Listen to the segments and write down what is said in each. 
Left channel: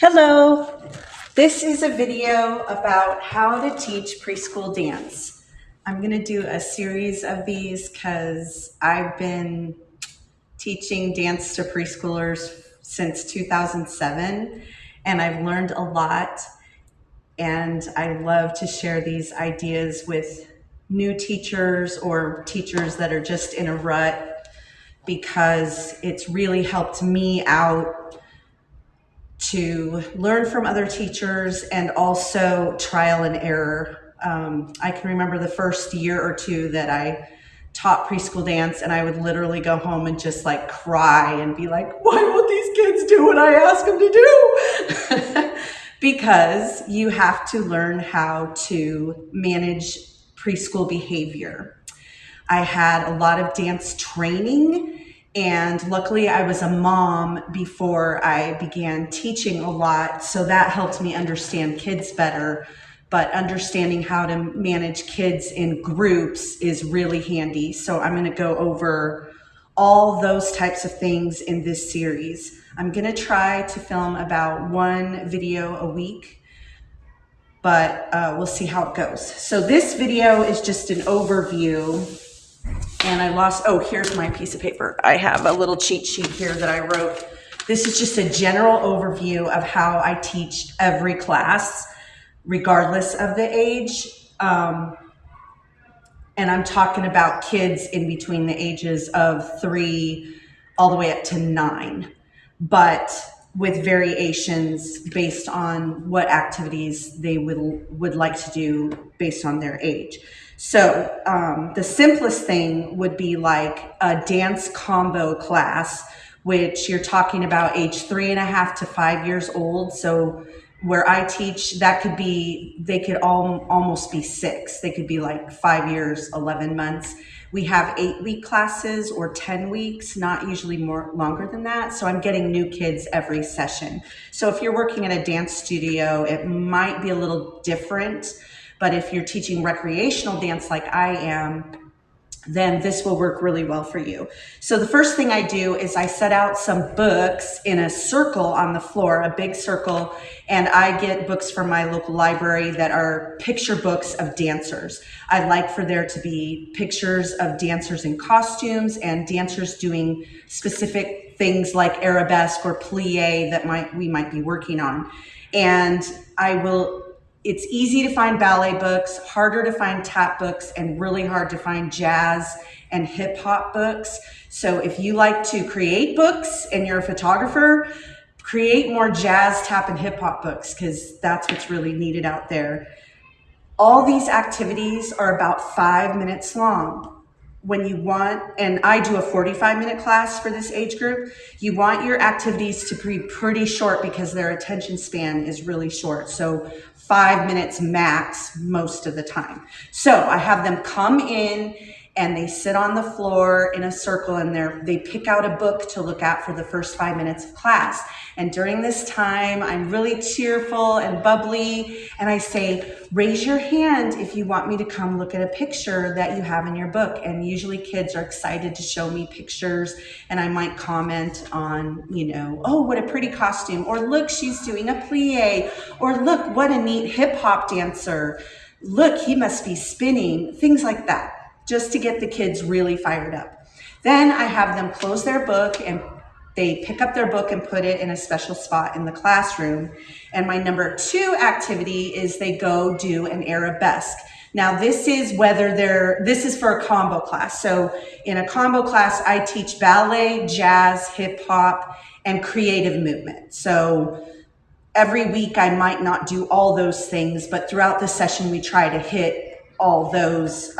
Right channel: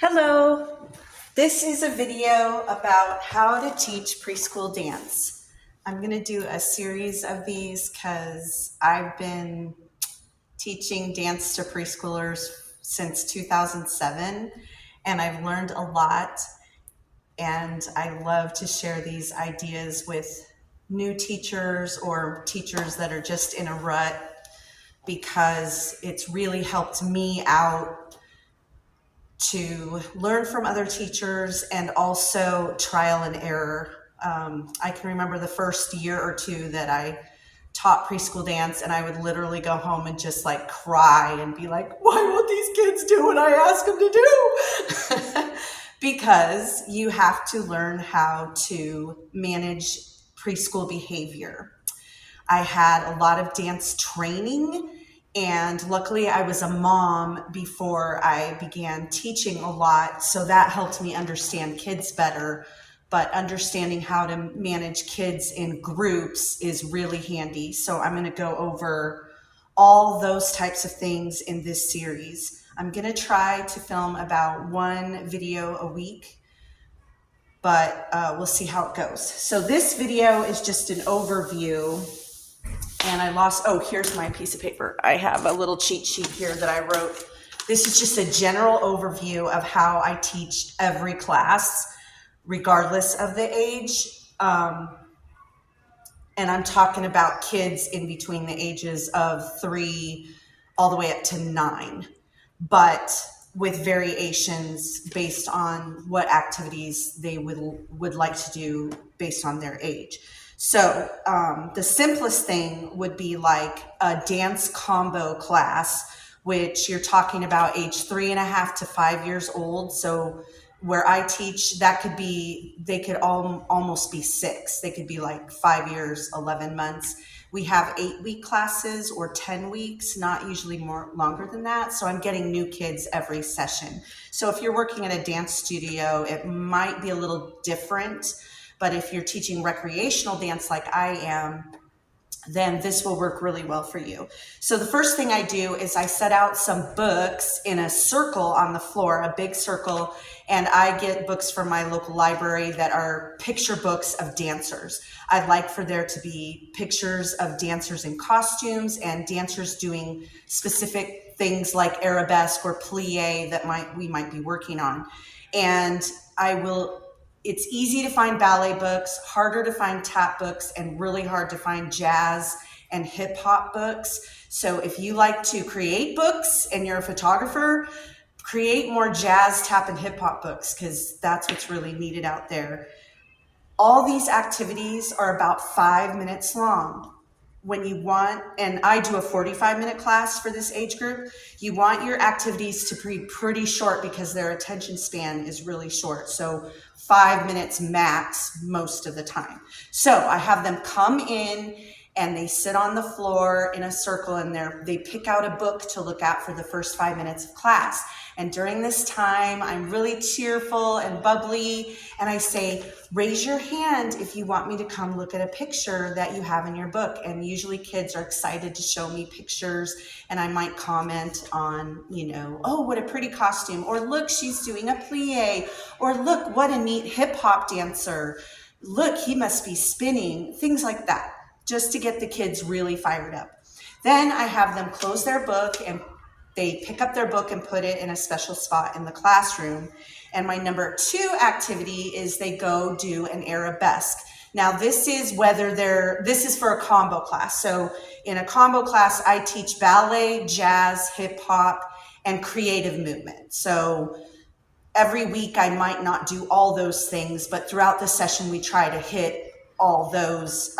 Hello, this is a video about how to teach preschool dance. I'm going to do a series of these because I've been teaching dance to preschoolers since 2007 and I've learned a lot, and I love to share these ideas with new teachers or teachers that are just in a rut because it's really helped me out to learn from other teachers and also trial and error. I can remember the first year or two that I taught preschool dance, and I would literally go home and just like cry and be like, why won't these kids do what I ask them to do? Because you have to learn how to manage preschool behavior. I had a lot of dance training, and luckily I was a mom before I began teaching a lot, so that helped me understand kids better. But understanding how to manage kids in groups is really handy. So I'm going to go over all those types of things in this series. I'm going to try to film about one video a week, but we'll see how it goes. So this video is just an overview. And I lost, oh, here's my piece of paper. I have a little cheat sheet here that I wrote. This is just a general overview of how I teach every class, regardless of the age. And I'm talking about kids in between the ages of 3 all the way up to 9, but with variations based on what activities they would like to do based on their age. So the simplest thing would be like a dance combo class, which you're talking about age 3.5 to 5 years old. So where I teach, that could be, they could almost be 6. They could be like 5 years, 11 months. We have 8-week classes or 10 weeks, not usually more longer than that. So I'm getting new kids every session. So if you're working in a dance studio, it might be a little different. But if you're teaching recreational dance like I am, then this will work really well for you. So the first thing I do is I set out some books in a circle on the floor, a big circle, and I get books from my local library that are picture books of dancers. I like for there to be pictures of dancers in costumes and dancers doing specific things like arabesque or plie that we might be working on. And it's easy to find ballet books, harder to find tap books, and really hard to find jazz and hip hop books. So if you like to create books and you're a photographer, create more jazz, tap, and hip hop books, because that's what's really needed out there. All these activities are about 5 minutes long. When you want, and I do a 45-minute class for this age group, you want your activities to be pretty short because their attention span is really short. So 5 minutes max most of the time. So I have them come in and they sit on the floor in a circle, and they pick out a book to look at for the first 5 minutes of class. And during this time, I'm really cheerful and bubbly, and I say, raise your hand if you want me to come look at a picture that you have in your book. And usually kids are excited to show me pictures, and I might comment on, oh, what a pretty costume, or look, she's doing a plie, or look, what a neat hip hop dancer. Look, he must be spinning, things like that, just to get the kids really fired up. Then I have them close their book, and they pick up their book and put it in a special spot in the classroom. And my number 2 activity is they go do an arabesque. Now this is for a combo class. So in a combo class, I teach ballet, jazz, hip hop, and creative movement. So every week I might not do all those things, but throughout the session we try to hit all those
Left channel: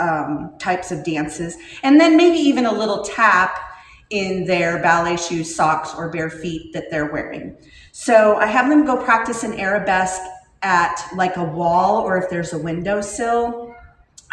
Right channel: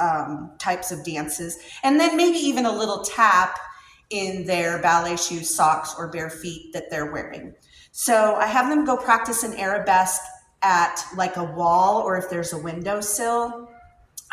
types of dances. And then maybe even a little tap in their ballet shoes, socks, or bare feet that they're wearing. So I have them go practice an arabesque at like a wall, or if there's a windowsill.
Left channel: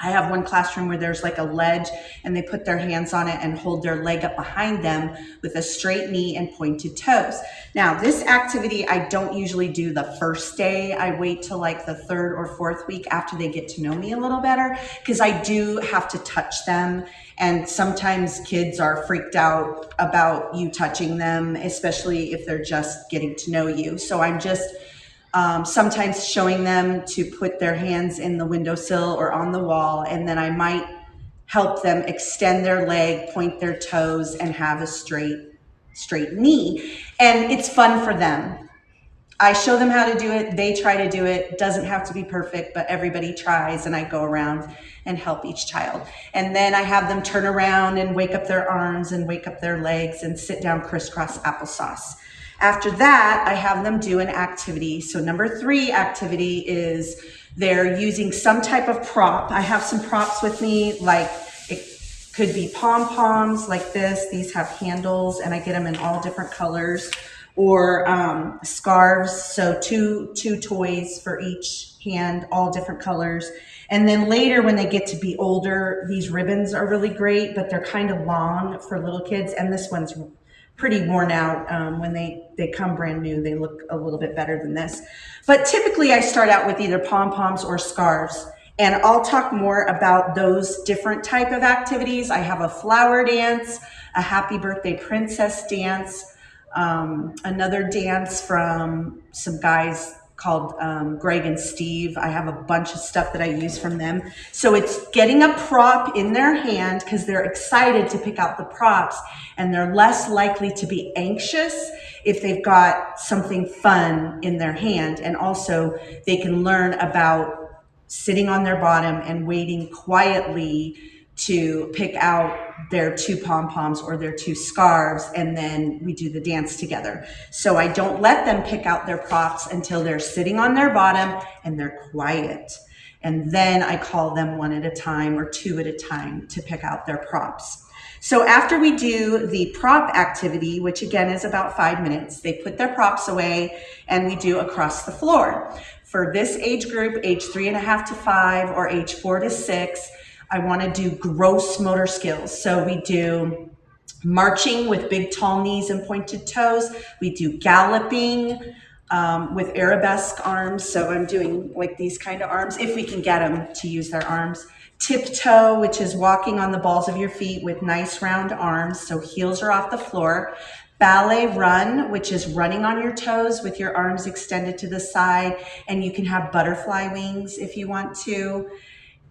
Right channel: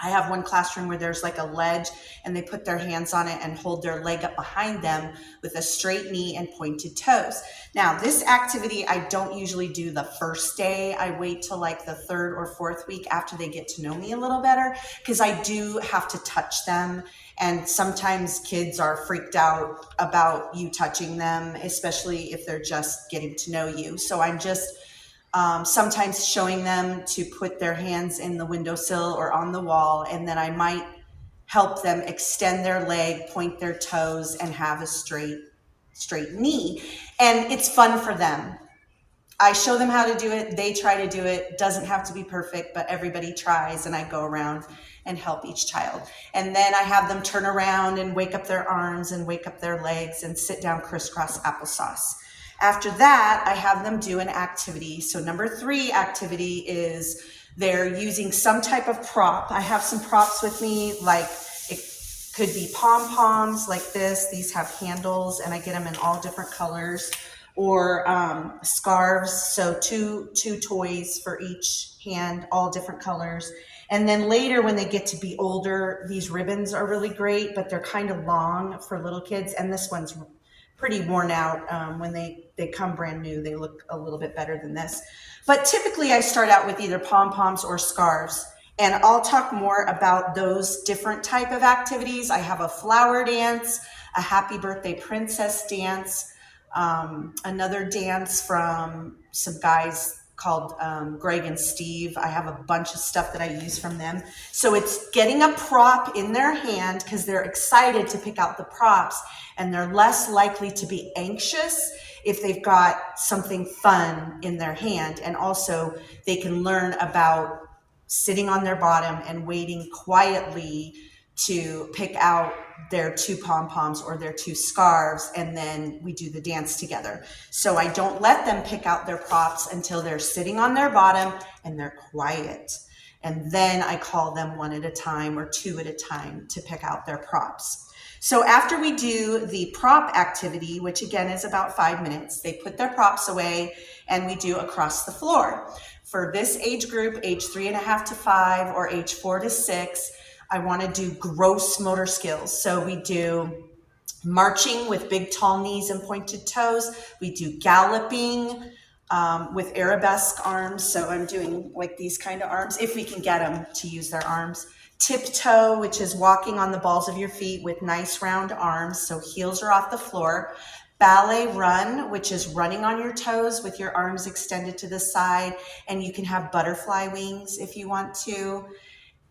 I have one classroom where there's like a ledge and they put their hands on it and hold their leg up behind them with a straight knee and pointed toes. Now, this activity I don't usually do the first day. I wait till like the third or fourth week after they get to know me a little better, because I do have to touch them. And sometimes kids are freaked out about you touching them, especially if they're just getting to know you. So I'm just sometimes showing them to put their hands in the windowsill or on the wall, and then I might help them extend their leg, point their toes, and have a straight knee. And it's fun for them. I show them how to do it. They try to do it. It doesn't have to be perfect, but everybody tries, and I go around and help each child. And then I have them turn around and wake up their arms and wake up their legs and sit down crisscross applesauce. After that, I have them do an activity. So number 3 activity is they're using some type of prop. I have some props with me, like it could be pom-poms like this. These have handles, and I get them in all different colors. Or scarves, so two toys for each hand, all different colors. And then later when they get to be older, these ribbons are really great, but they're kind of long for little kids, and this one's pretty worn out. When they come brand new, they look a little bit better than this. But typically I start out with either pom-poms or scarves, and I'll talk more about those different type of activities. I have a flower dance, a happy birthday princess dance, another dance from some guys called Greg and Steve. I have a bunch of stuff that I use from them. So it's getting a prop in their hand because they're excited to pick out the props, and they're less likely to be anxious if they've got something fun in their hand. And also they can learn about sitting on their bottom and waiting quietly to pick out their 2 pom-poms or their 2 scarves, and then we do the dance together. So I don't let them pick out their props until they're sitting on their bottom and they're quiet. And then I call them 1 at a time or 2 at a time to pick out their props. So after we do the prop activity, which again is about 5 minutes, they put their props away and we do across the floor. For this age group, age 3.5 to 5 or age 4 to 6, I want to do gross motor skills. So we do marching with big tall knees and pointed toes. We do galloping with arabesque arms. So I'm doing like these kind of arms, if we can get them to use their arms. Tiptoe, which is walking on the balls of your feet with nice round arms, so heels are off the floor. Ballet run, which is running on your toes with your arms extended to the side, and you can have butterfly wings if you want to.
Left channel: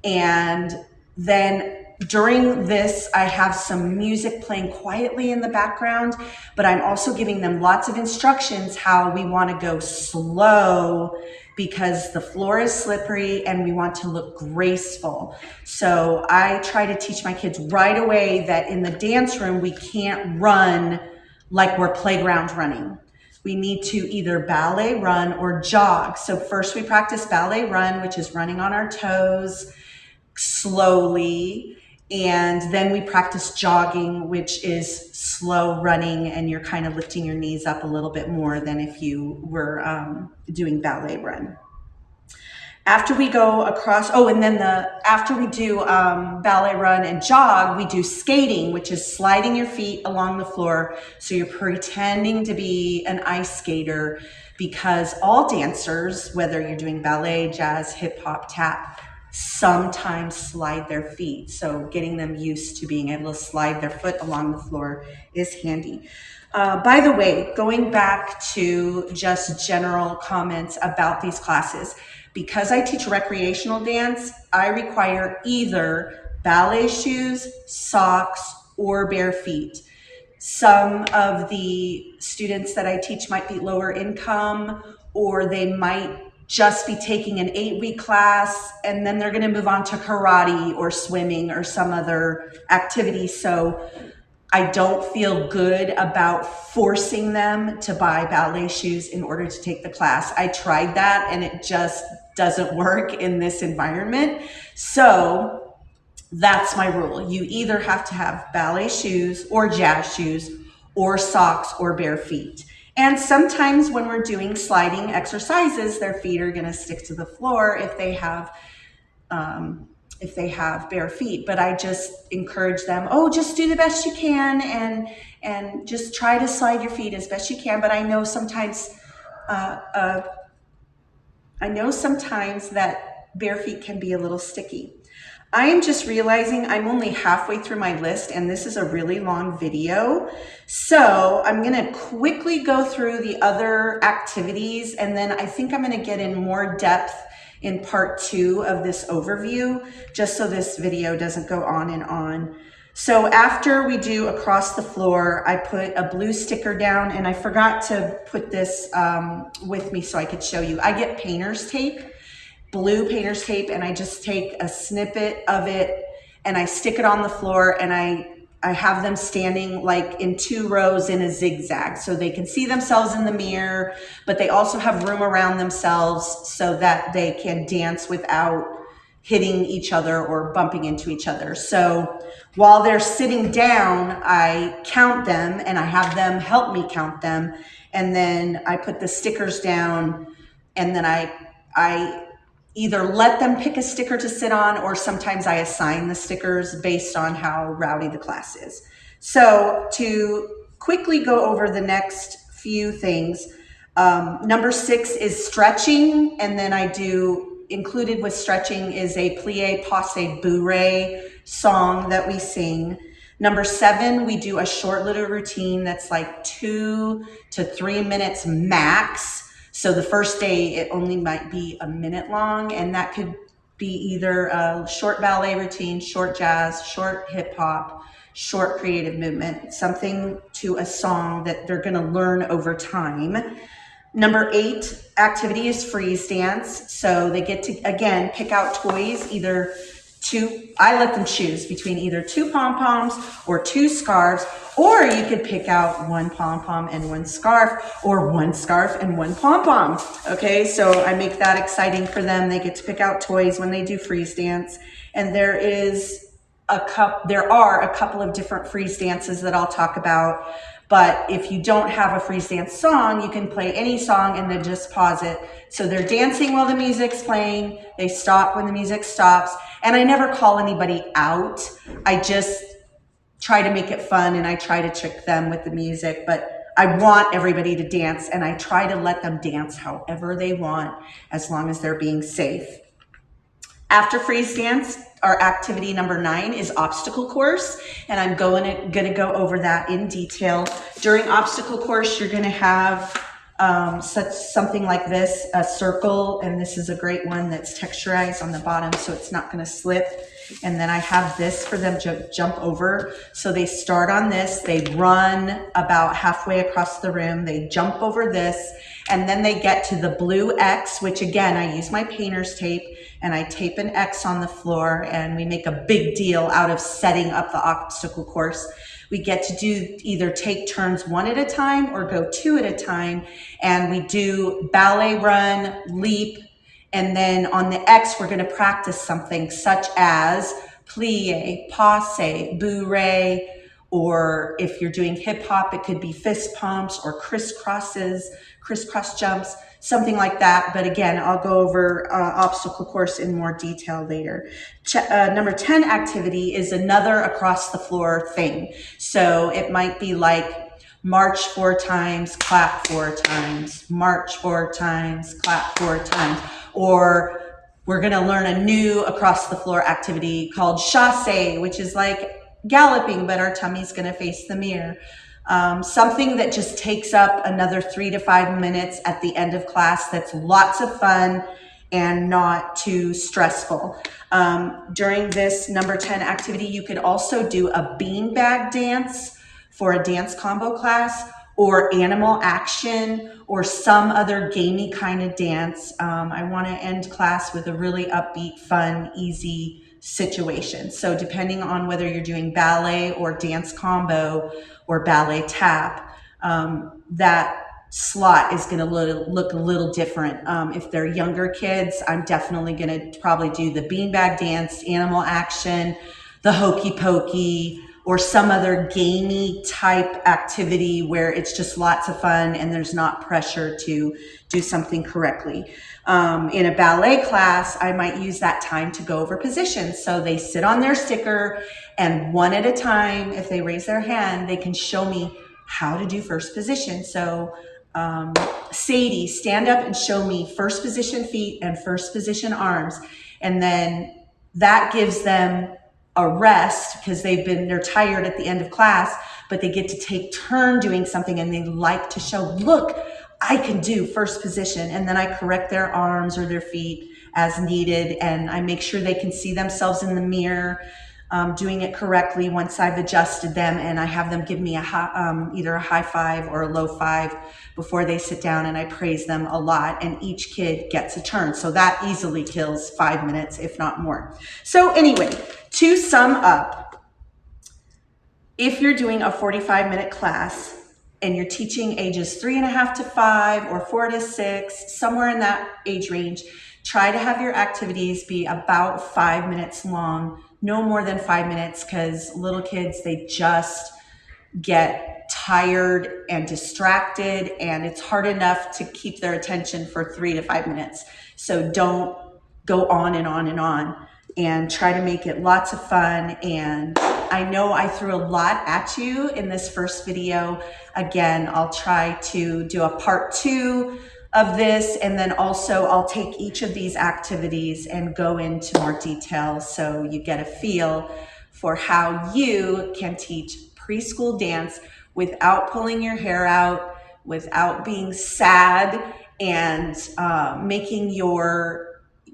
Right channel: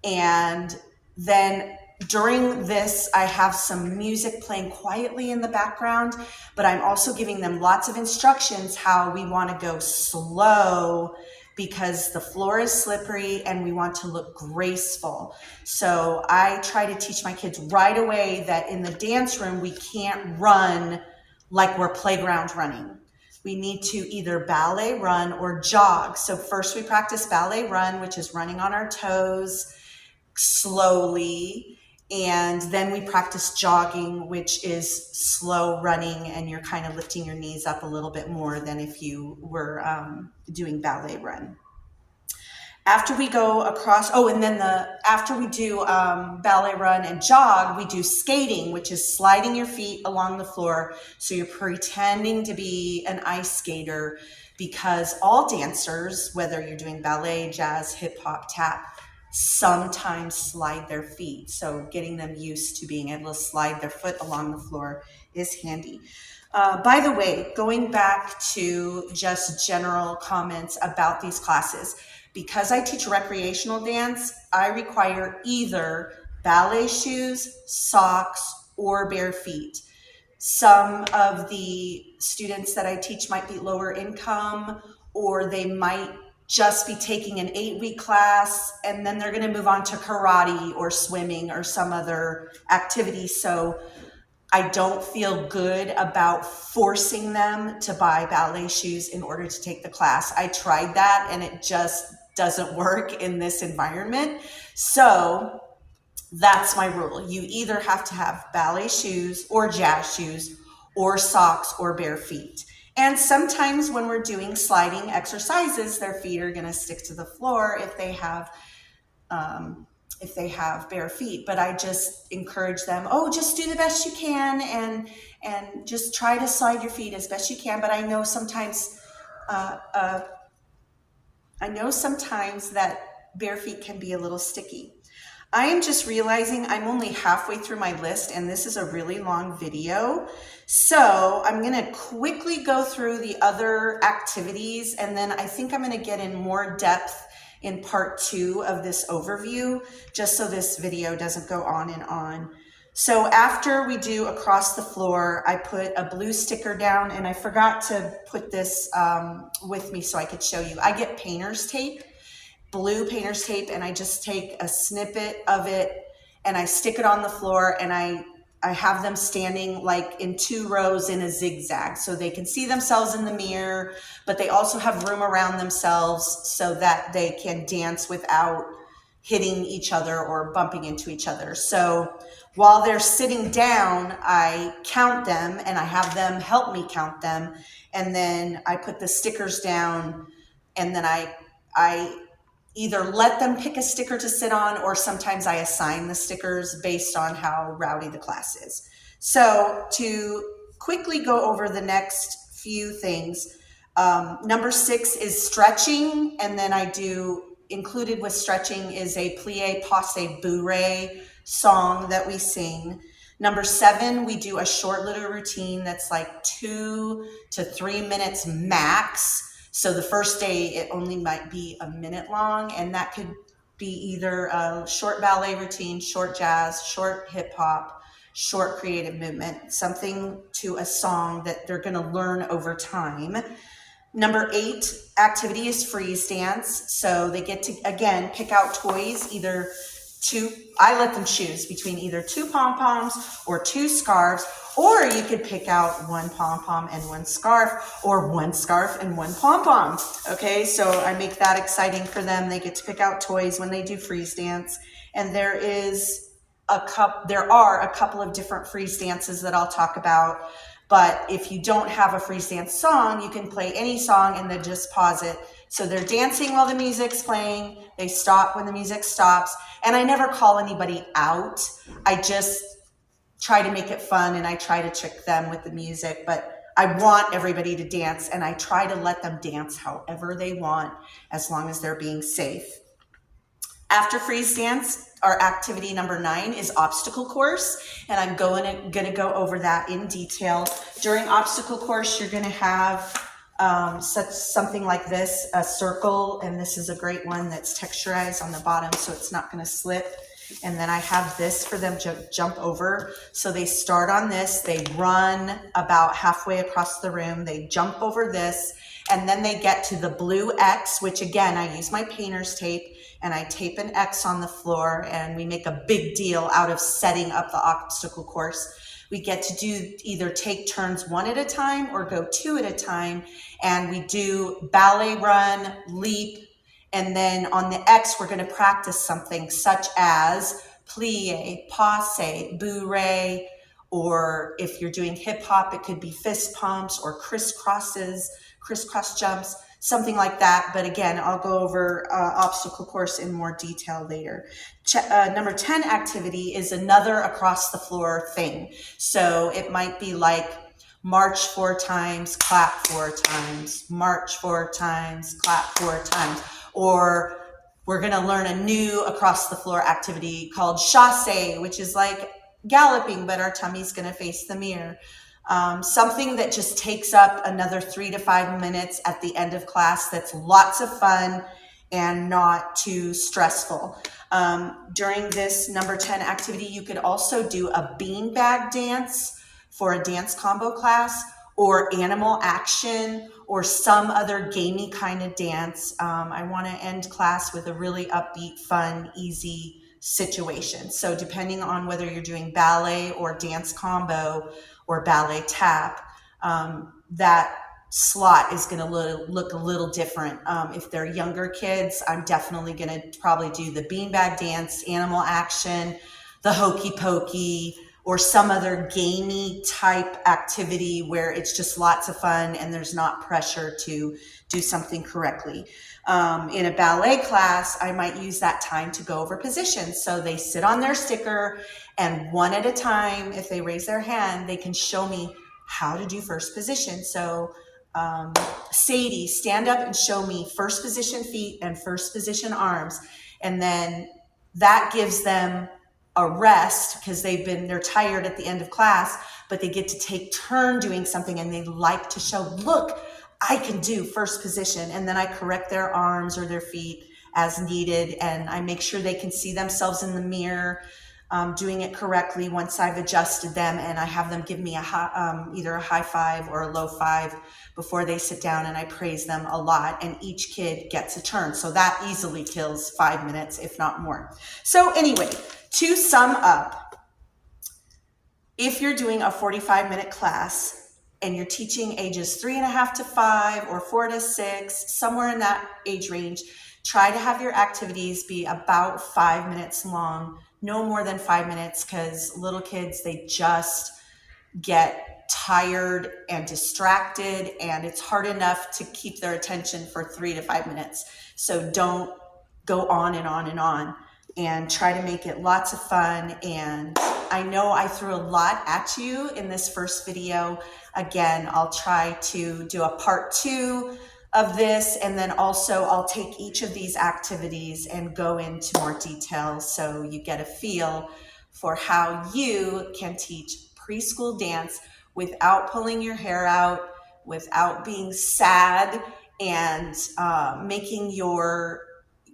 And then during this, I have some music playing quietly in the background, but I'm also giving them lots of instructions how we want to go slow because the floor is slippery and we want to look graceful. So I try to teach my kids right away that in the dance room, we can't run like we're playground running. We need to either ballet run or jog. So first we practice ballet run, which is running on our toes slowly, and then we practice jogging, which is slow running, and you're kind of lifting your knees up a little bit more than if you were doing ballet run. After we go across, after we do ballet run and jog, we do skating, which is sliding your feet along the floor. So you're pretending to be an ice skater, because all dancers, whether you're doing ballet, jazz, hip hop, tap, sometimes slide their feet. So getting them used to being able to slide their foot along the floor is handy. By the way, going back to just general comments about these classes, because I teach recreational dance, I require either ballet shoes, socks, or bare feet. Some of the students that I teach might be lower income, or they might just be taking an 8-week class and then they're going to move on to karate or swimming or some other activity. So I don't feel good about forcing them to buy ballet shoes in order to take the class. I tried that and it just doesn't work in this environment. So that's my rule. You either have to have ballet shoes or jazz shoes or socks or bare feet. And sometimes when we're doing sliding exercises, their feet are going to stick to the floor if they have if they have bare feet, but I just encourage them, oh, just do the best you can and just try to slide your feet as best you can. But uh, uh, I know sometimes that bare feet can be a little sticky. I am just realizing I'm only halfway through my list and this is a really long video. So I'm gonna quickly go through the other activities and then I think I'm gonna get in more depth in part 2 of this overview, just so this video doesn't go on and on. So after we do across the floor, I put a blue sticker down and I forgot to put this with me so I could show you. I get painter's tape, blue painter's tape, and I just take a snippet of it and I stick it on the floor and I have them standing like in 2 rows in a zigzag so they can see themselves in the mirror, but they also have room around themselves so that they can dance without hitting each other or bumping into each other. So while they're sitting down, I count them and I have them help me count them. And then I put the stickers down and then I either let them pick a sticker to sit on or sometimes I assign the stickers based on how rowdy the class is. So to quickly go over the next few things, number 6 is stretching, and then I do, included with stretching is a plie, passe, bourrée song that we sing. Number 7, we do a short little routine that's like 2 to 3 minutes max. So the first day it only might be a minute long, and that could be either a short ballet routine, short jazz, short hip hop, short creative movement, something to a song that they're gonna learn over time. Number 8 activity is freeze dance. So they get to, again, pick out toys, I let them choose between either 2 pom-poms or 2 scarves, or you could pick out 1 pom-pom and 1 scarf, or 1 scarf and 1 pom-pom. Okay, so I make that exciting for them. They get to pick out toys when they do freeze dance. And there are a couple of different freeze dances that I'll talk about. But if you don't have a freeze dance song, you can play any song and then just pause it. So they're dancing while the music's playing. They stop when the music stops. And I never call anybody out. I just try to make it fun and I try to trick them with the music. But I want everybody to dance and I try to let them dance however they want as long as they're being safe. After freeze dance, our activity number 9 is obstacle course, and I'm gonna go over that in detail. During obstacle course, you're gonna have something like this, a circle, and this is a great one that's texturized on the bottom so it's not gonna slip. And then I have this for them to jump over. So they start on this, they run about halfway across the room, they jump over this, and then they get to the blue X, which again, I use my painter's tape, and I tape an X on the floor, and we make a big deal out of setting up the obstacle course. We get to do either take turns 1 at a time or go 2 at a time, and we do ballet run, leap, and then on the X, we're gonna practice something such as plie, passe, bourrée, or if you're doing hip hop, it could be fist pumps or crisscross jumps, something like that. But again, I'll go over obstacle course in more detail later. Number 10 activity is another across the floor thing. So it might be like march 4 times, clap 4 times, march 4 times, clap 4 times. Or we're gonna learn a new across the floor activity called chasse, which is like galloping, but our tummy's gonna face the mirror. Something that just takes up another 3 to 5 minutes at the end of class that's lots of fun and not too stressful. During this number 10 activity, you could also do a beanbag dance for a dance combo class, or animal action, or some other gamey kind of dance. I want to end class with a really upbeat, fun, easy situation. So depending on whether you're doing ballet or dance combo or ballet tap, that slot is going to look a little different. If they're younger kids, I'm definitely going to probably do the beanbag dance, animal action, the hokey pokey, or some other gamey type activity where it's just lots of fun and there's not pressure to do something correctly. In a ballet class, I might use that time to go over positions. So they sit on their sticker, and one at a time, if they raise their hand, they can show me how to do first position. So Sadie, stand up and show me first position feet and first position arms. And then that gives them a rest because they're tired at the end of class, but they get to take turn doing something, and they like to show, look, I can do first position. And then I correct their arms or their feet as needed, and I make sure they can see themselves in the mirror doing it correctly once I've adjusted them, and I have them give me either a high five or a low five before they sit down, and I praise them a lot, and each kid gets a turn. So that easily kills 5 minutes, if not more. So anyway, to sum up, if you're doing a 45-minute class and you're teaching ages 3.5 to 5 or 4 to 6, somewhere in that age range, try to have your activities be about 5 minutes long, no more than 5 minutes, because little kids, they just get tired and distracted, and it's hard enough to keep their attention for 3 to 5 minutes. So don't go on and on and on, and try to make it lots of fun. And I know I threw a lot at you in this first video. Again, I'll try to do a part 2 of this, and then also I'll take each of these activities and go into more detail so you get a feel for how you can teach preschool dance without pulling your hair out, without being sad, and making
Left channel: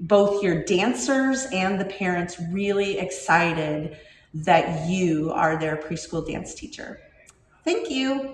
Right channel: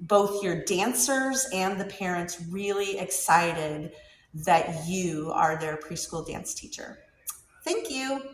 both your dancers and the parents really excited that you are their preschool dance teacher. Thank you.